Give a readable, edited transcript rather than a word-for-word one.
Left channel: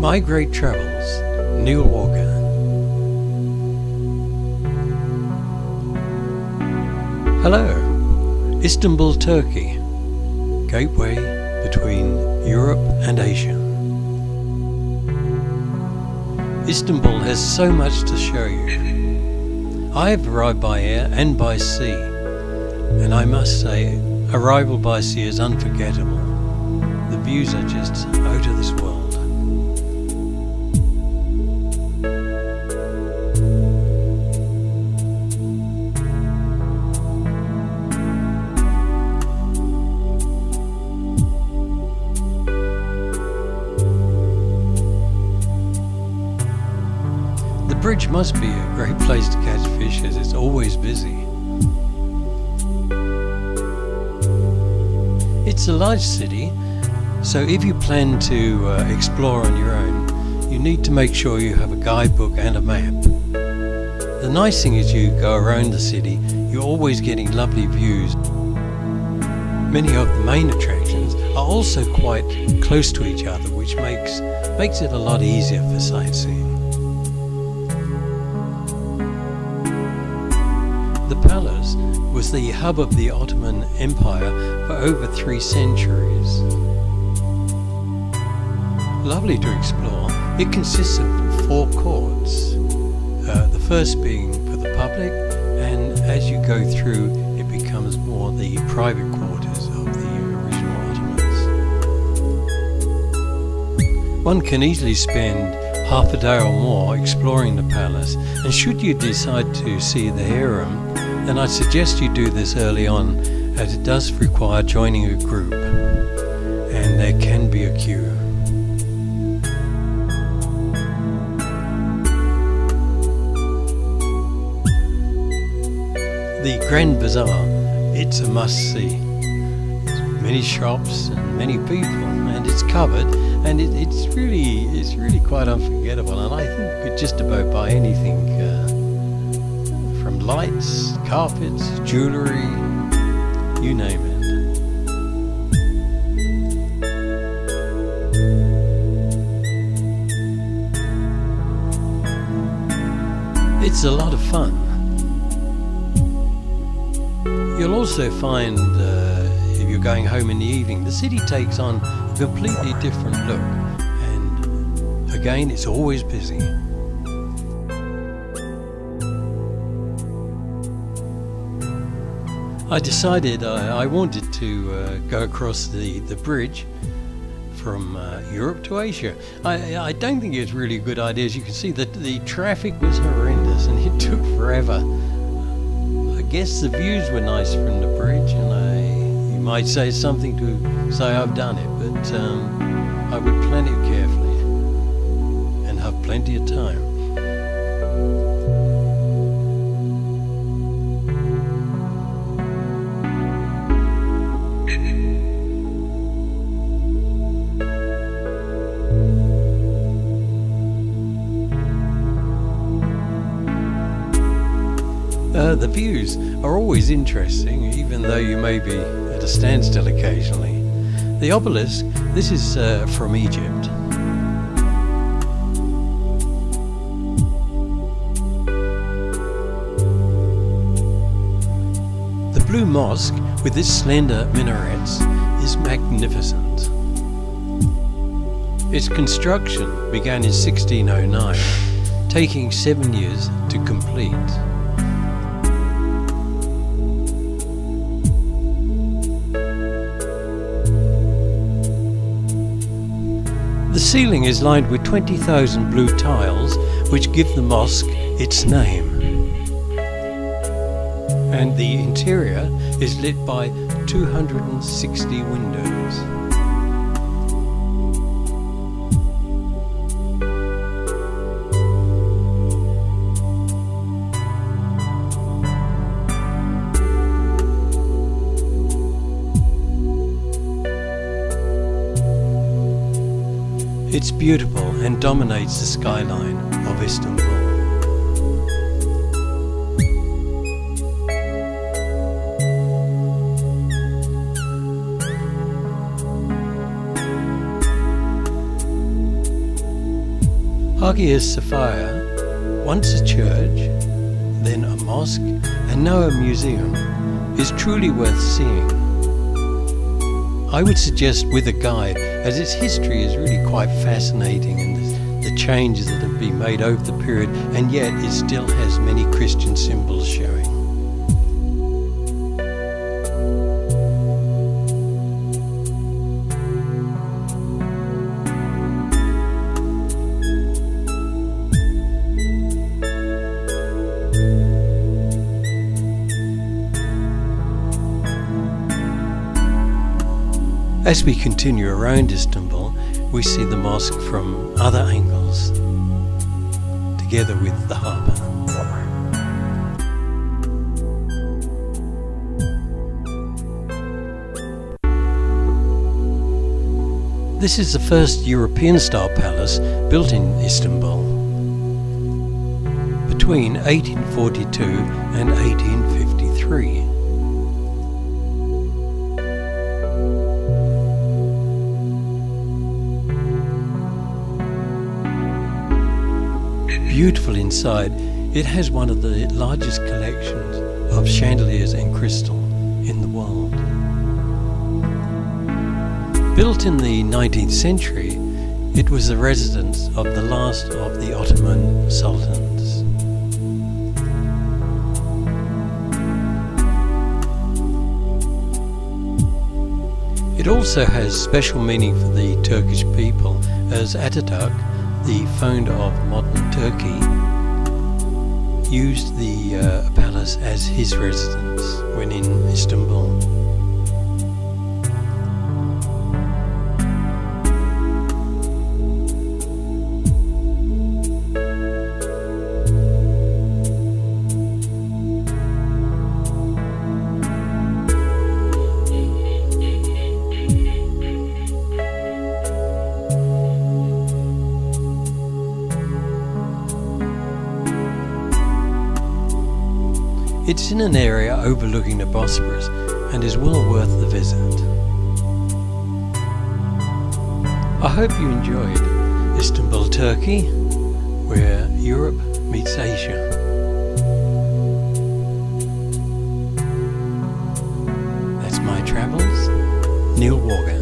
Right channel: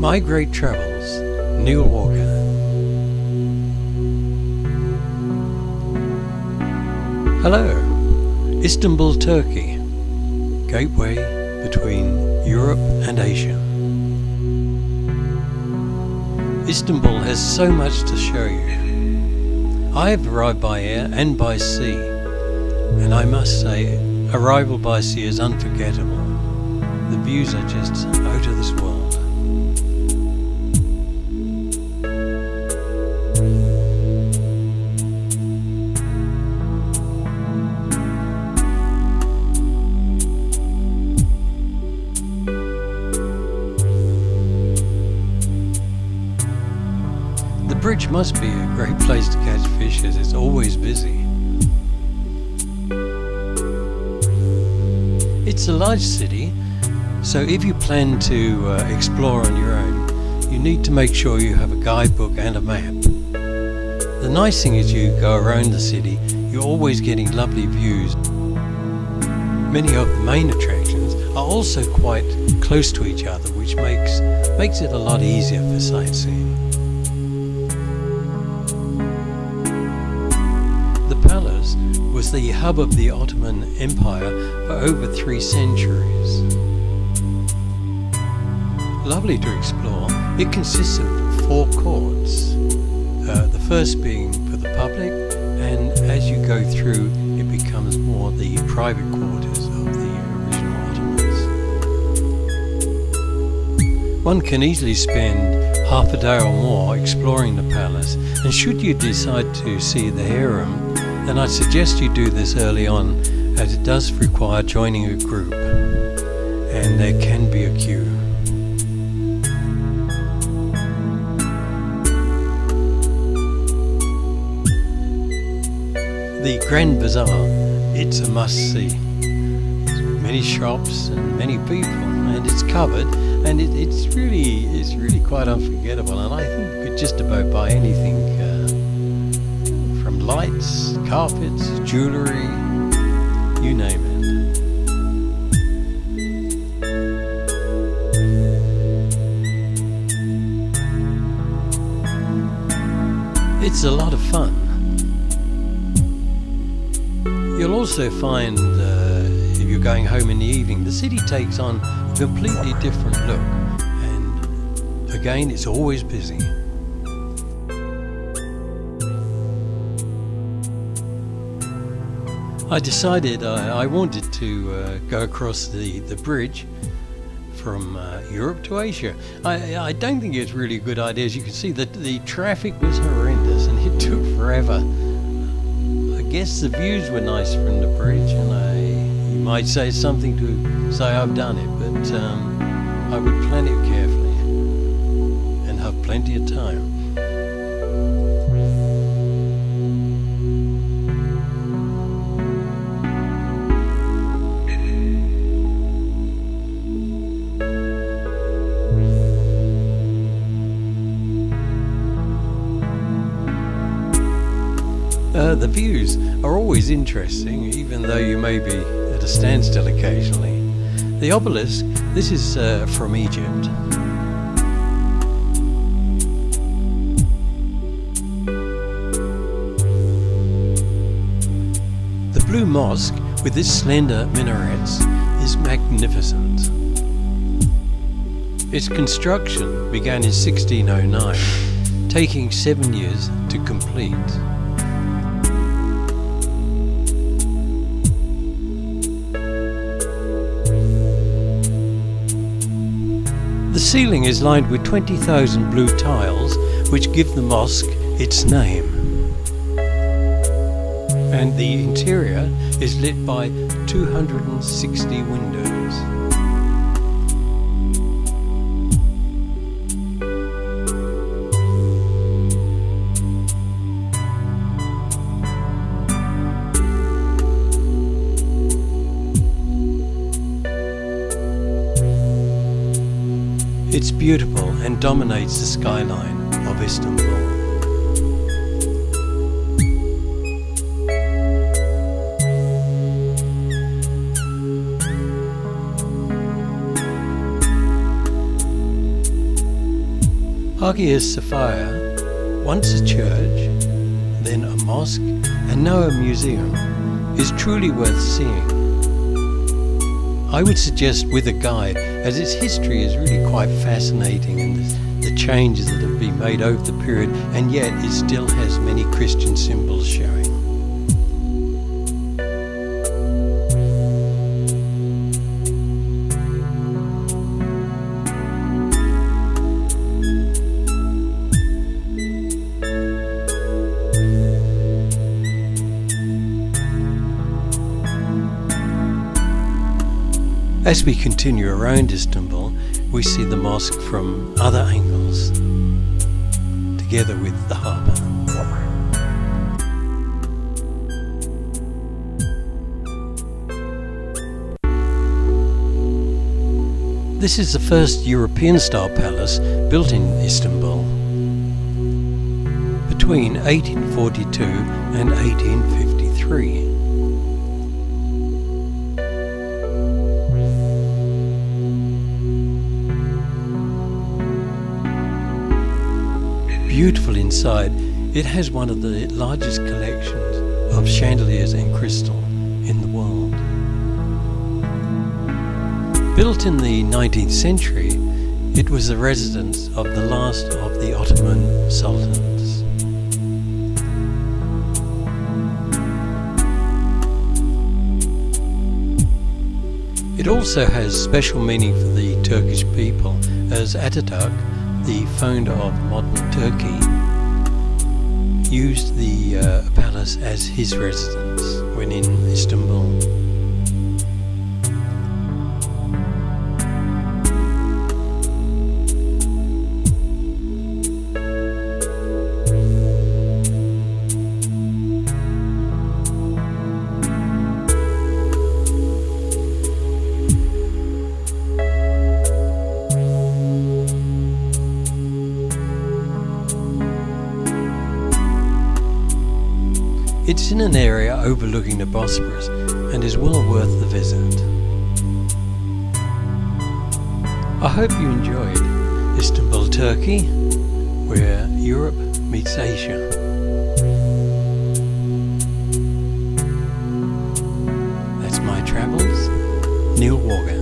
My Great Travels, Neil Walker. Hello, Istanbul, Turkey, gateway between Europe and Asia. Istanbul has so much to show you. I have arrived by air and by sea, and I must say, arrival by sea is unforgettable. The views are just out of this world. The bridge must be a great place to catch fish as it's always busy. It's a large city, so if you plan to explore on your own, you need to make sure you have a guidebook and a map. The nice thing is you go around the city, you're always getting lovely views. Many of the main attractions are also quite close to each other, which makes it a lot easier for sightseeing. The palace was the hub of the Ottoman Empire for over 3 centuries. Lovely to explore. It consists of 4 courts, the first being for the public, and as you go through it becomes more the private quarters of the original Ottomans. One can easily spend half a day or more exploring the palace, and should you decide to see the harem, then I'd suggest you do this early on, as it does require joining a group, and there can be a queue. The Grand Bazaar, it's a must-see. Many shops and many people, and it's covered, and it's really quite unforgettable. And I think you could just about buy anything, from lights, carpets, jewellery, you name it. It's a lot of fun. You'll also find, if you're going home in the evening, the city takes on a completely different look, and again it's always busy. I decided I wanted to go across the bridge from Europe to Asia. I don't think it's really a good idea. As you can see, the traffic was horrendous and it took forever. I guess the views were nice from the bridge, and you might say it's something to say I've done it, but I would plan it carefully and have plenty of time. The views are always interesting, even though you may be at a standstill occasionally. The obelisk, this is from Egypt. The blue mosque, with its slender minarets, is magnificent. Its construction began in 1609, taking 7 years to complete. The ceiling is lined with 20,000 blue tiles, which give the mosque its name. And the interior is lit by 260 windows. It's beautiful and dominates the skyline of Istanbul. Hagia Sophia, once a church, then a mosque, and now a museum, is truly worth seeing. I would suggest with a guide, as its history is really quite fascinating, and the changes that have been made over the period, and yet it still has many Christian symbols showing. As we continue around Istanbul, we see the mosque from other angles, together with the harbour. This is the first European-style palace built in Istanbul between 1842 and 1853. Beautiful inside, it has one of the largest collections of chandeliers and crystal in the world. Built in the 19th century, it was the residence of the last of the Ottoman sultans. It also has special meaning for the Turkish people, as Ataturk, the founder of modern Turkey, used the palace as his residence when in Istanbul. It's in an area overlooking the Bosphorus and is well worth the visit. I hope you enjoyed Istanbul, Turkey, where Europe meets Asia. That's my travels, Neil Walker.